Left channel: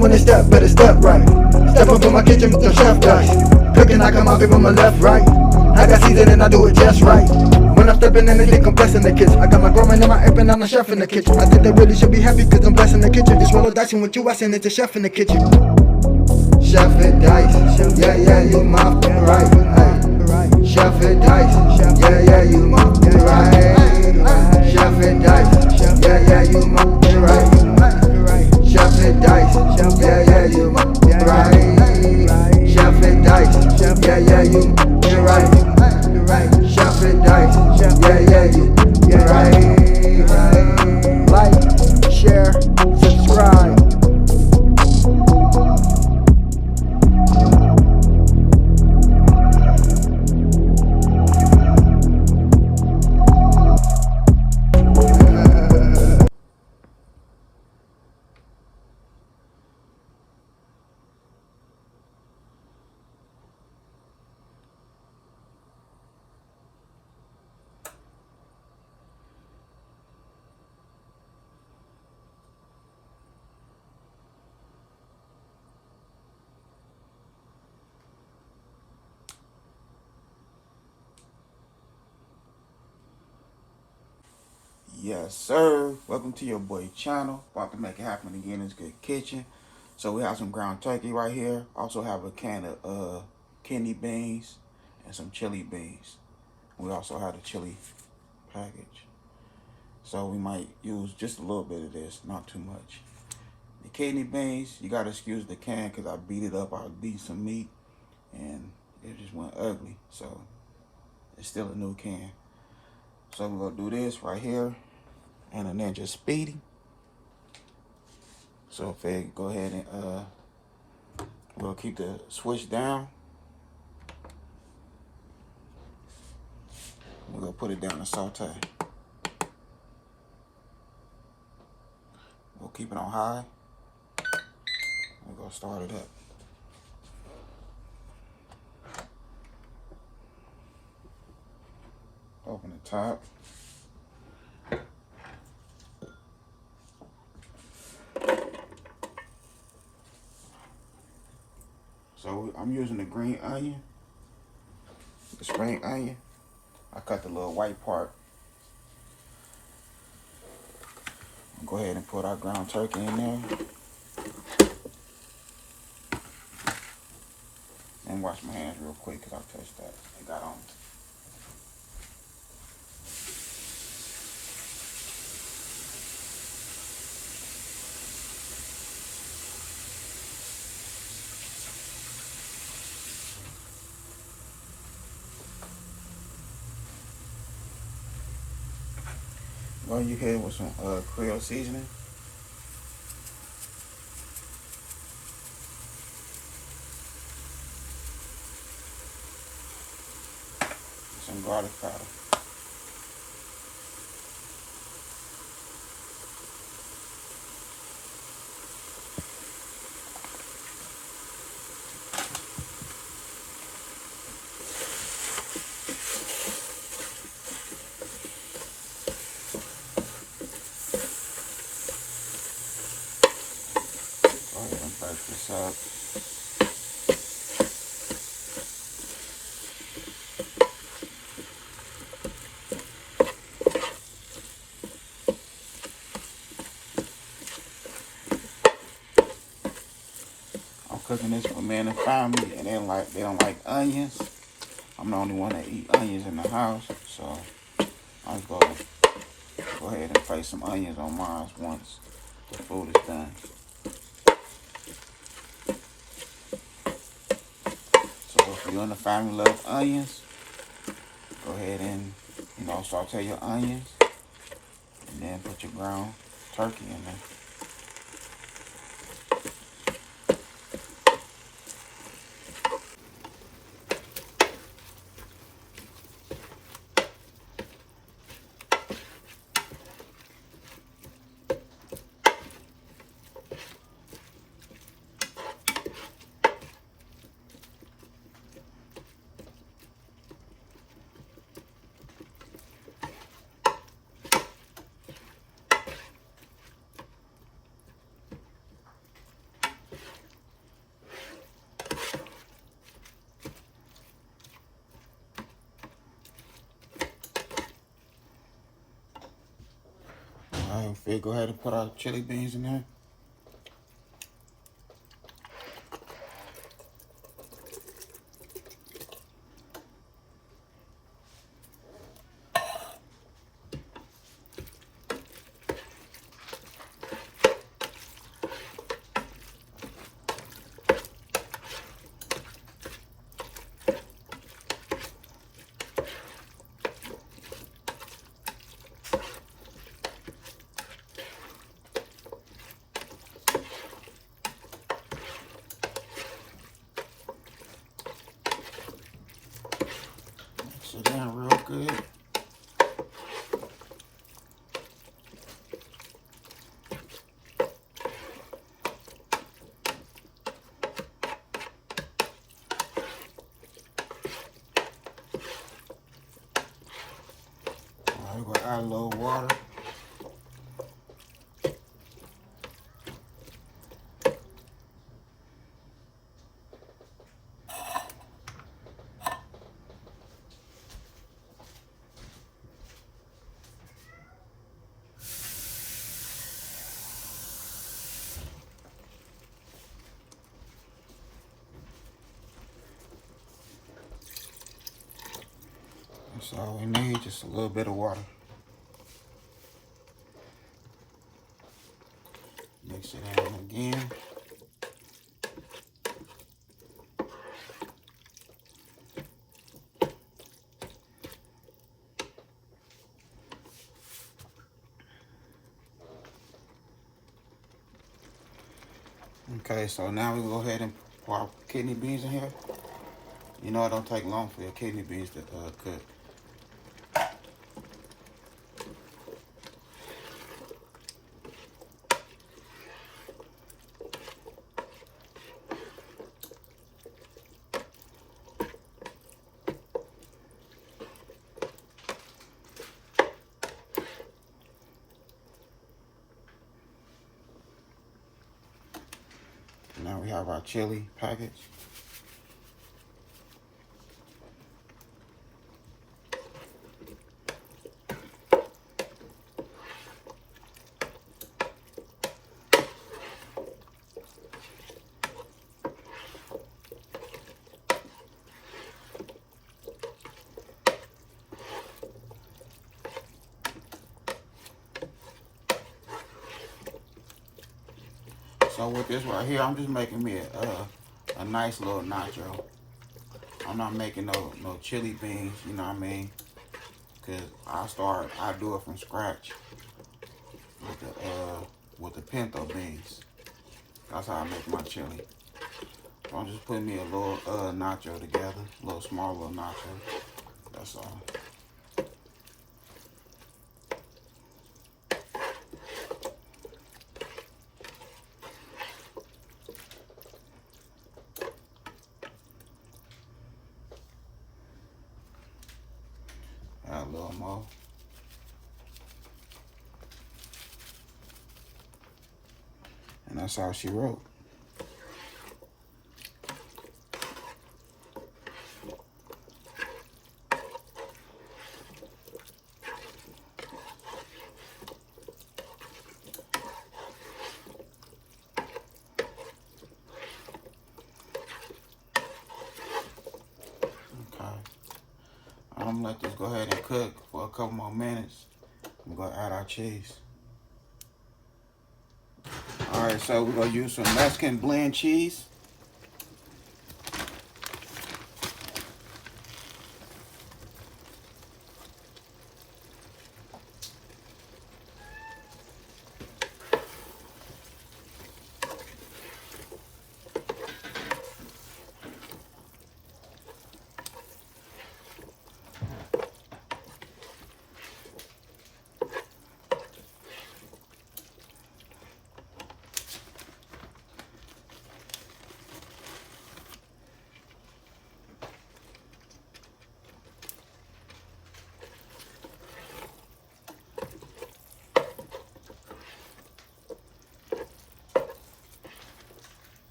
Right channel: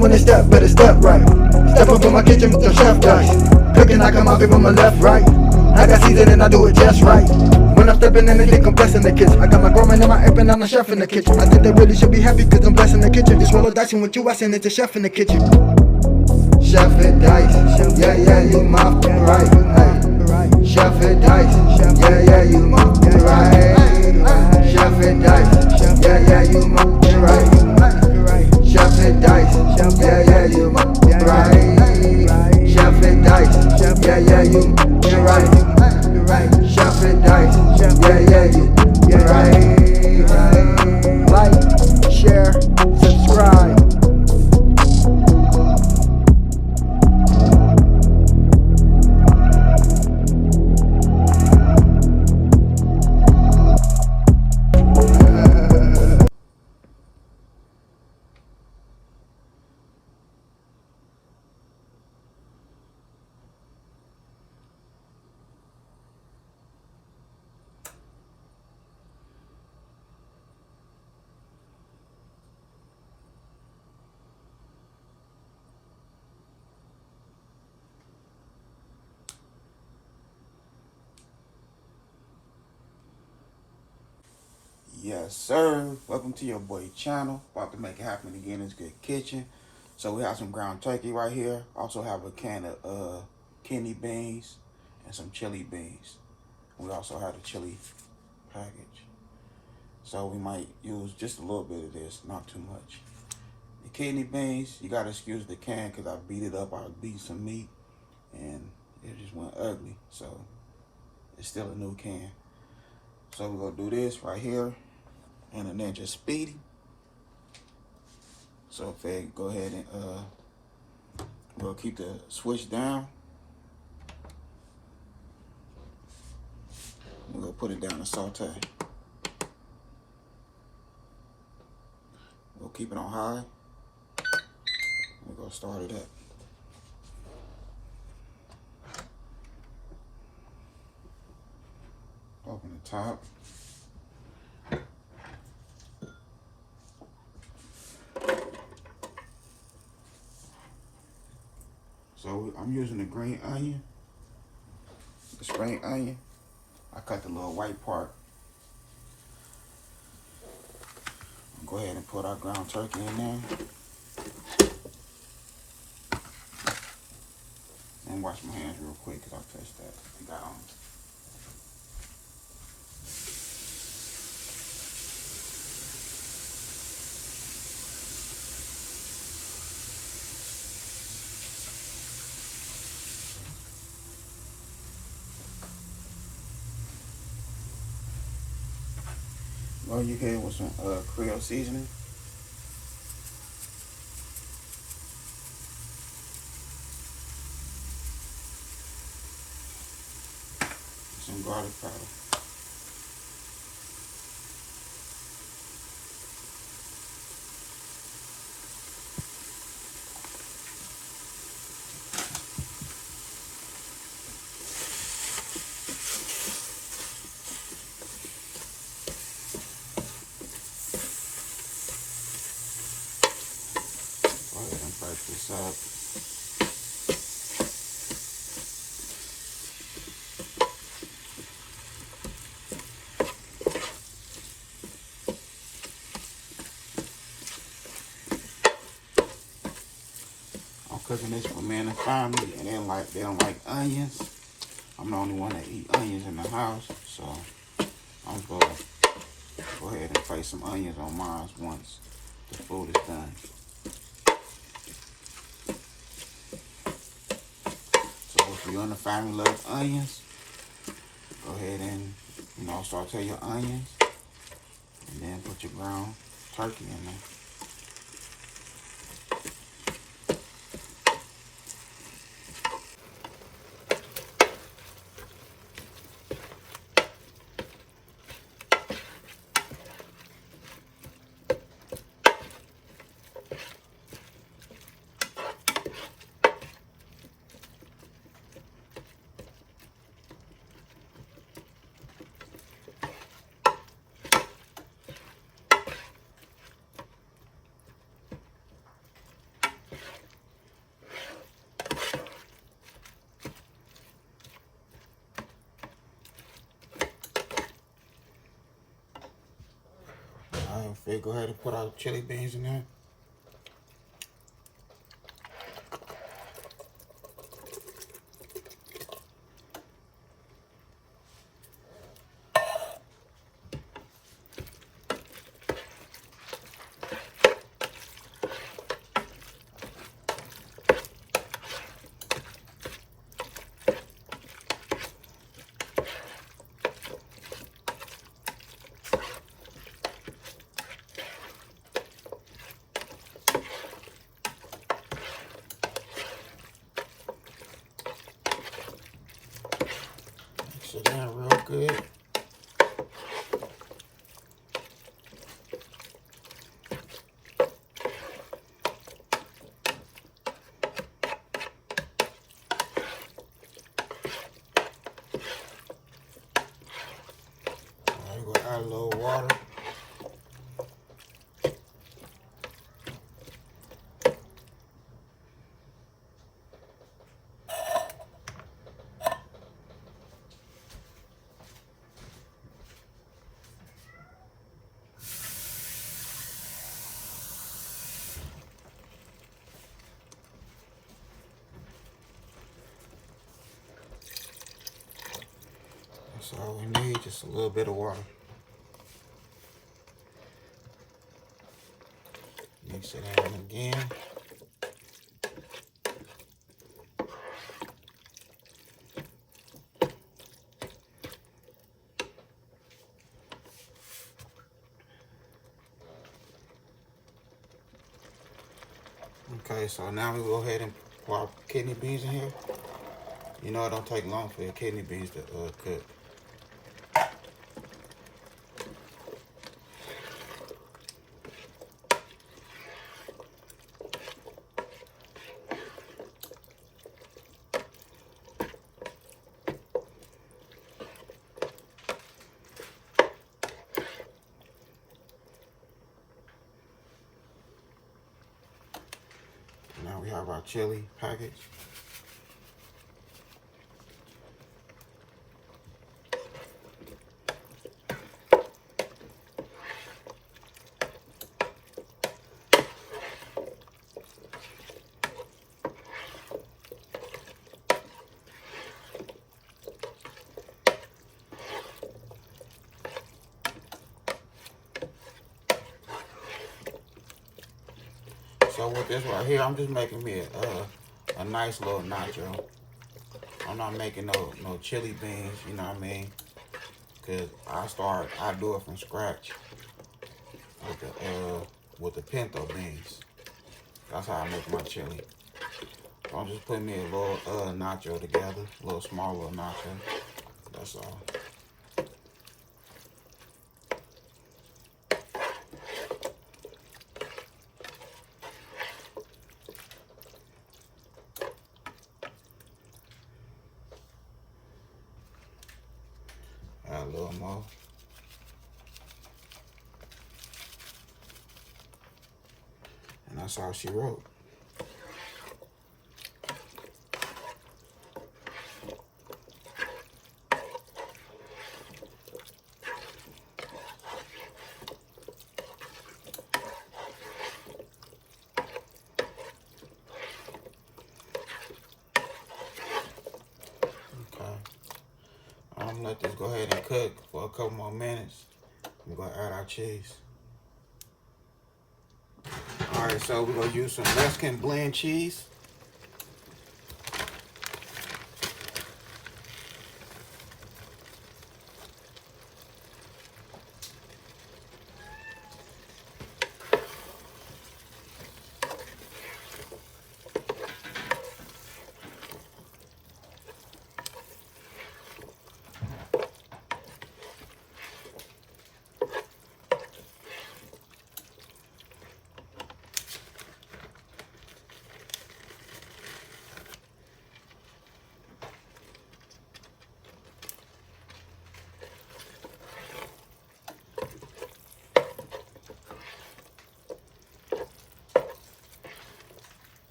when they step, better step right. Step up in my kitchen with the chef dice. Cooking, I come out from my left, right. I got season and I do it just right. When I'm stepping in, they think I'm blessing the kitchen. I got my grandma and my app and I'm the chef in the kitchen. I think they really should be happy cause I'm blessing the kitchen. Just roll a dice and with you, I send it to chef in the kitchen. Chef and dice, yeah, yeah, you my right. Hey. Chef and dice, yeah, yeah, you my right. Chef and dice, yeah, yeah, you my right. Chef and dice, yeah, yeah, you my right. Chef and dice, yeah, yeah, you right. Chef and dice, yeah, yeah, you right. Like, share, subscribe. Yes, sir. Welcome to your boy channel. About to make it happen again. It's Good Kitchen. So we have some ground turkey right here. Also have a can of kidney beans and some chili beans. We also have a chili package. So we might use just a little bit of this, not too much. The kidney beans, you gotta excuse the can because I beat it up. I beat some meat and it just went ugly. So it's still a new can. So we're gonna do this right here. And a Ninja Speedy. So if they go ahead and we'll keep the switch down. We're gonna put it down to saute. We'll keep it on high. We're gonna start it up. Open the top. So I'm using the green onion, the spring onion. I cut the little white part. Go ahead and put our ground turkey in there. And wash my hands real quick because I touched that. I got on. Well, you hit with some Creole seasoning. Some garlic powder. This up. I'm cooking this for me and the family, and they don't like onions. I'm the only one that eat onions in the house, so I'm gonna go ahead and place some onions on mine once the food is done. If you and the family love onions, go ahead and saute your onions and then put your ground turkey in there. we go ahead and put our chili beans in there. Mix it in real good. Now we're gonna add a little water. That's all we need, just a little bit of water. Mix it in again. Okay, so now we go ahead and pour our kidney beans in here. You know it don't take long for your kidney beans to cook. Now we have our chili package. So with this right here, I'm just making me a nice little nacho. I'm not making no chili beans, you know what I mean? Cause I do it from scratch with the pinto beans. That's how I make my chili. So I'm just putting me a little nacho together, a little small little nacho. That's all. Add a little more. And that's all she wrote. I'm gonna let this go ahead and cook for a couple more minutes. We're gonna add our cheese. All right, so we're gonna use some Mexican blend cheese.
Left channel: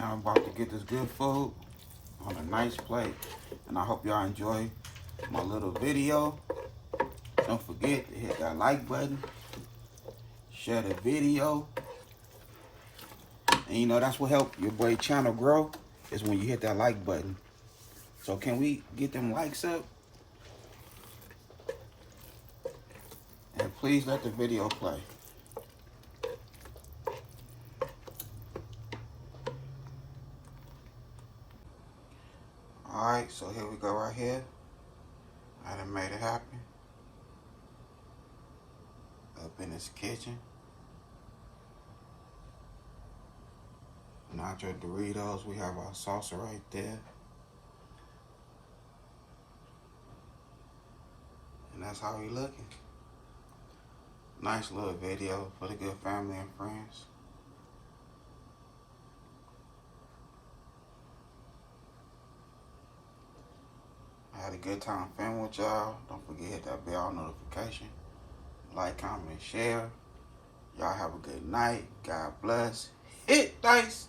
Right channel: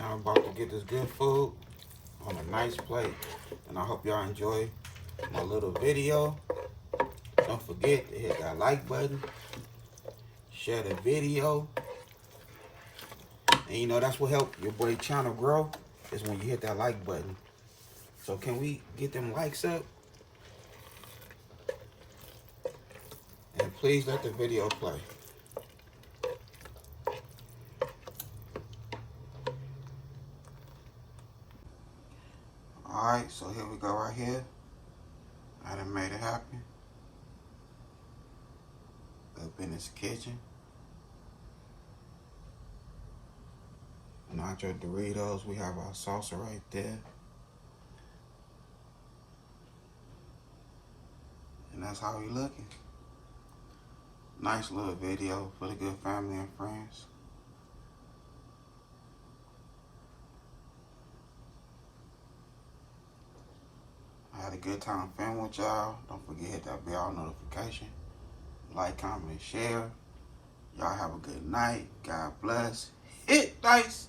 I'm about to get this good food on a nice plate. And I hope y'all enjoy my little video. Don't forget to hit that like button, share the video, and you know that's what helps your boy channel grow, is when you hit that like button. So can we get them likes up? And please let the video play. Alright, so here we go right here. I done made it happen. Up in this kitchen. Nacho Doritos, we have our salsa right there. And that's how we looking. Nice little video for the good family and friends. I had a good time filming with y'all. Don't forget to hit that bell notification. Like, comment, and share. Y'all have a good night. God bless. Hit dice.